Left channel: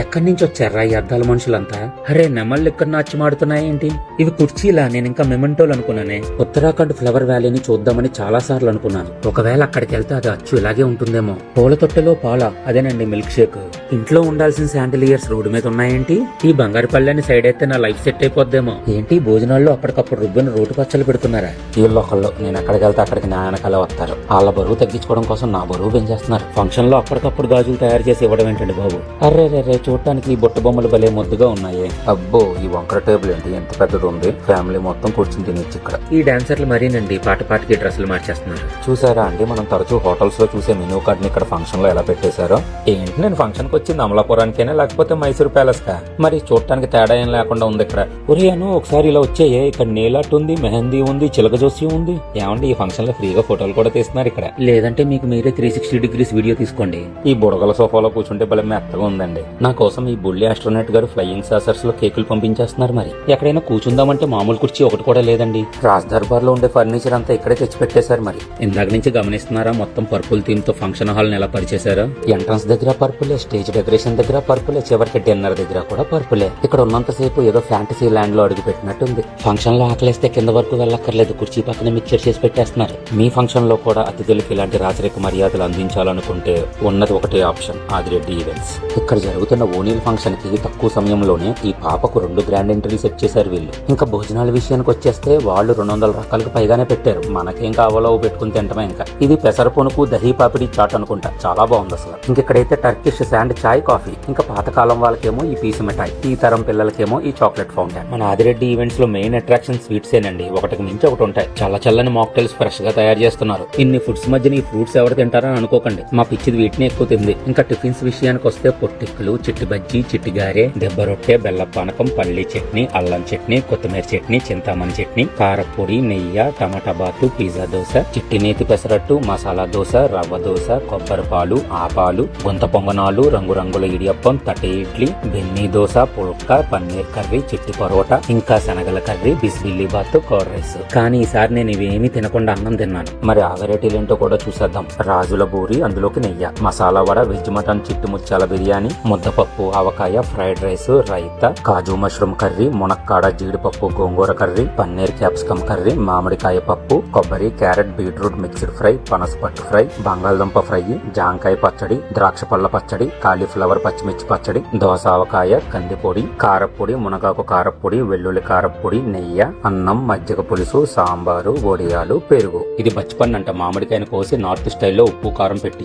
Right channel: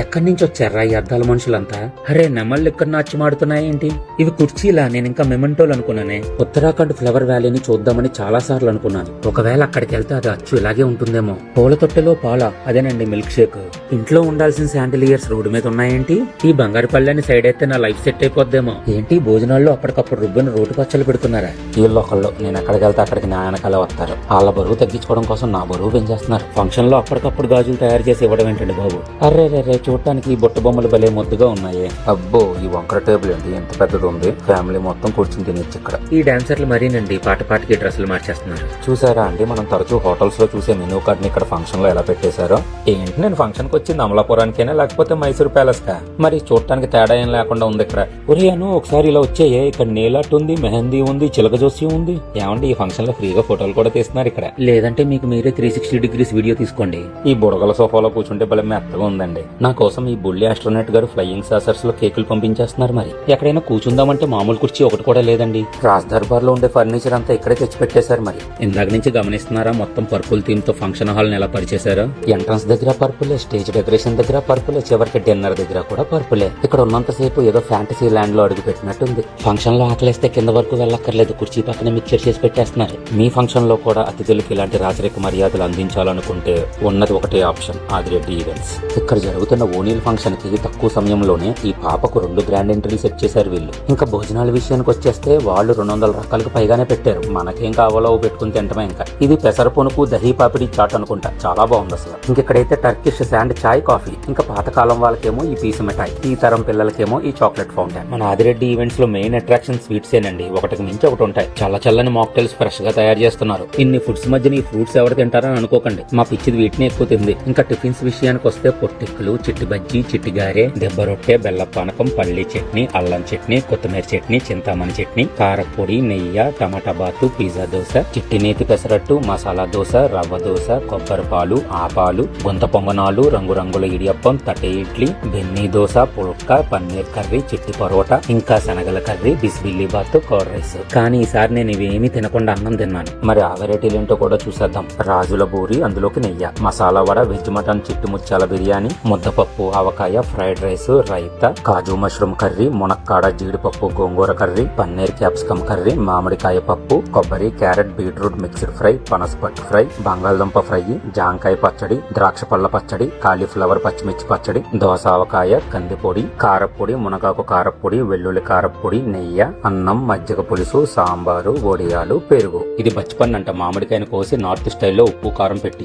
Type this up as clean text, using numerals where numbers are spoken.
ఎక్కడి నుంచి వచ్చారా ఈ అద్దాల మనుషులంతా? అరే నెమళ్ళు ఇక్కడ నాట్యమాడుతున్నాయేంటి? ఇవి కుర్చీలా? నేను ఇంకా మెమెంటోలు అనుకున్నానే. ఉత్తరాఖండ్ ఫ్లవర్ వ్యాలీని చూద్దామని చాలా సార్లు అనుకున్నాను. ఒకవేళ అక్కడికి వెళ్తే అది అచ్చు ఇలాగే ఉంటుందేమో. పూల తొట్టెలో పాల, అదేనండి మిల్క్ షేక్. ఇంట్లో ఉండాల్సిన శాండిలియర్స్ రోడ్డు మీద ఉన్నాయేంటి? ఈ బంగారు పళ్ళని సైడ్ అయితే నా లైఫ్ సెట్ అయిపోద్దేమో. ఏంటి భోజనాల్లో అప్పటికప్పుడు రుబ్బిన రోటి పచ్చళ్ళు పెడుతున్నారా? వీళ్ళు ఒకళ్ళు. నేను అక్కడికి వెళ్తే అప్పటికి నాన్నకనే వస్తారు. వాళ్ళ బరువు తగ్గించుకోవడం కోసం నా బరువు పెంచేస్తారు. ఫంక్షన్ లో అప్పటికప్పుడు గాజులు తయారు చేసి ఇవ్వడం ఏంటండి బాబు? అర్రే చూడటానికి ఈ బిట్టు బొమ్మలు భలే ముద్దుగా ఉన్నాయి. అబ్బో ఈ వంకర టేబుల్ ఏంటి ఎంత పెద్దది ఉంది. ఫ్యామిలీ మొత్తం కూర్చుని తినొచ్చు. ఈ డాన్సర్లు మరీనండి పాటకి డ్రెస్సులు మార్చేస్తున్నారు. చూసారా అండి, మనం తరచూ హోటల్స్ లో చూసే మెనూ కార్డులు ఇక్కడ ఫంక్షన్ లో ఎలా పెట్టేశారో. ఏంటి నేను ఫంక్షన్ కి వచ్చింది అమలాపురానికైనా లేకపోతే మైసూర్ ప్యాలెస్ కా? మరి చూడటానికి తేడా ఏం లేకుండా ఉంది ఇక్కడ. ఒరియాను ఒకసారి ఇలా వచ్చాయే, ఇక్కడ నీలాట్ ఉంది, మెహందీ ఉంది, చిలక జోస్యం ఉంది. ఏమండి ఈ ఫంక్షన్ లో ఫ్రీగా ఫోటోలు కూడా తీస్తున్నారు ఇక్కడ. లేదంటే మీకు మీరే 360 డిగ్రీస్ వీడియో తీసుకోండి. ఈ బుడగల సోఫాలో కూర్చుంటే భలే మెత్తగా ఉందండి. నా కోసం ఈ బొల్లి ఆస్ట్రోనట్ గారు ఫ్లయింగ్ సాసర్స్ లో కేకులు పంపించేస్తున్నారు. మరి ఎక్కడైనా కూర్చుందామంటే మామూలు కుర్చీ ఒకటి కూడా లేదండి. రాజ్ దర్బార్ లో ఉండే ఫర్నిచర్ అంతా ఇక్కడే తెచ్చి పెట్టేశారు. మరి ఇందాక నుంచి గమనిస్తున్నారా మొత్తం పర్పుల్ థీమ్ తో ఫంక్షన్ హాల్ ని ఎలా పరిచేశారు? ఎంట్రన్స్ దగ్గర పర్పులే, స్టేజ్ డెకరేషన్ దగ్గర పర్పులే, చివరికి డిన్నర్ దగ్గర కూడా పర్పులే. ఇక్కడ ఉన్నంతసేపు ఏదో ఫ్యాంటసీ ల్యాండ్ లో అడుగు పెట్టినట్టుంది. ఫంక్షన్ లో ఆకలిస్తే కింద వరకు వెళ్ళక్కర్లేదు, కుర్చీ పక్కన మిక్చర్ చేసి పెట్టేస్తున్నారు. మీ ఫంక్షన్ లో కూడా అతిథులకి ఇలాంటి రాజరిక మర్యాదలు అందించాలనుకుంటే ఉన్నది ఒకటే ఆప్షన్, ఆదిరెడ్డి ఈవెంట్స్. ఇక్కడ జరుగుతున్న ఓనీల్ ఫంక్షన్ కి తక్కువ సమయంలోనే ఈ పాపకు 2 గ్రాండ్ ఎంట్రీలు సెట్ చేశారు వీళ్ళు. ఇంకా భోజనాల విషయానికి వచ్చేస్తే వాళ్ళు 200 రకాలకు పైగానే పెట్టారు. మనకేం కావాలో పెట్టుకుని తింటమే. ఇంకా ఇది పెసర పొనుకు దహీ పాపిడి చాట్ అనుకుంటా, చాలా బాగుంది సార్. ఇంకెక్కడైతే టర్కిష్ శాండ్ చాయ్ కాఫీ, ఇంకా పాతకాలం వాళ్ళకేమో ఈ పీస్ మిఠాయి, ఈ తరం పిల్లలకేమో ఈ చాక్లెట్ ఫౌంటైన్. మన ఆదిరెడ్డి ఈవెంట్స్ లో మెయిన్ అట్రాక్షన్ స్వీట్స్ ఏనండి. ఒకటికి మించి ఒకటి ఉంటాయి. చల్లని మాక్టైల్స్ ఫ్రెష్ గా తయారు చేస్తున్నారు. ఇన్ని ఫుడ్స్ మధ్య ఈ ఫ్రూట్స్ ఎవరు తింటారని అనుకోకండి, మా పిచ్చిది వీటిని ఎక్కువ తిన్నాయి. ఇంకా టిఫిన్స్ విషయానికి వస్తే పొట్టిక్కులు, చిట్టి బజ్జి, చిట్టి గారె, దెబ్బ రొట్టె, బెల్లం పానకం, పల్లి చట్నీ, అల్లం చట్నీ, కొత్తిమీర చట్నీ, చింతమాన చట్నీ, కారపొడి, నెయ్యి, టమాటా బాతు, పిజ్జా దోశ, చిట్టి నేతి పెసరట్టు, మసాలా దోశ, రవ్వ దోశ, కొబ్బరి పాలు, ఆపాలు, మంత పొంగనాలు, రంగురంగుల ఇడియప్పం, తట్టె ఇడ్లీ, బెన్నీ దోశ, పుల్కా, పన్నీర్ కర్రీ, చిట్టి పరోటా, ఇంకా శనగల కర్రీ, బిస్బిల్లి బాత్, కర్డ్ రైస్. కానీ ఈసారి నేను ఇవేమీ తినకుండా అన్నం తిన్నాను. మరి ఆ వెరైటీలు ఏంటో కూడా చూసేద్దాం. రాజుల బూరి, అందులోకి నెయ్యి, మసాలా వడ, వెజ్ మటన్, చిట్టి ముత్యాల బిర్యానీ, ముద్దపప్పు, ఆవకాయ, ఫ్రైడ్ రైస్, రైతా, కాజు మష్రూమ్ కర్రీ, మునక్కాడ, జీడిపప్పు, గోంగూర కర్రీ, పన్నీర్ క్యాప్సికమ్ కర్రీ, మామిడికాయ పప్పు, కొబ్బరి, క్యారెట్, బీట్రూట్ మిక్స్డ్ ఫ్రై, పనసపట్టు ఫ్రై, బంగాళదుంప ఫ్రై, జాంకాయ పచ్చడి, ద్రాక్ష పళ్ళ పచ్చడి, కాలీఫ్లవర్ పచ్చిమిర్చి పచ్చడి, దోస ఆవకాయ, కందిపొడి, కారపొడి, మునగాకు కారపొడి, వెల్లుల్లి కారపొడి, నెయ్యి, అన్నం, మజ్జిగ పులుసు, సాంబారు, వడియాలు, పెరుగు. ఇది బచ్చిపన్ను అంట. మామిడికాయని కోసి నార్త్ స్టైల్లో ఉప్పు కారం పెట్టి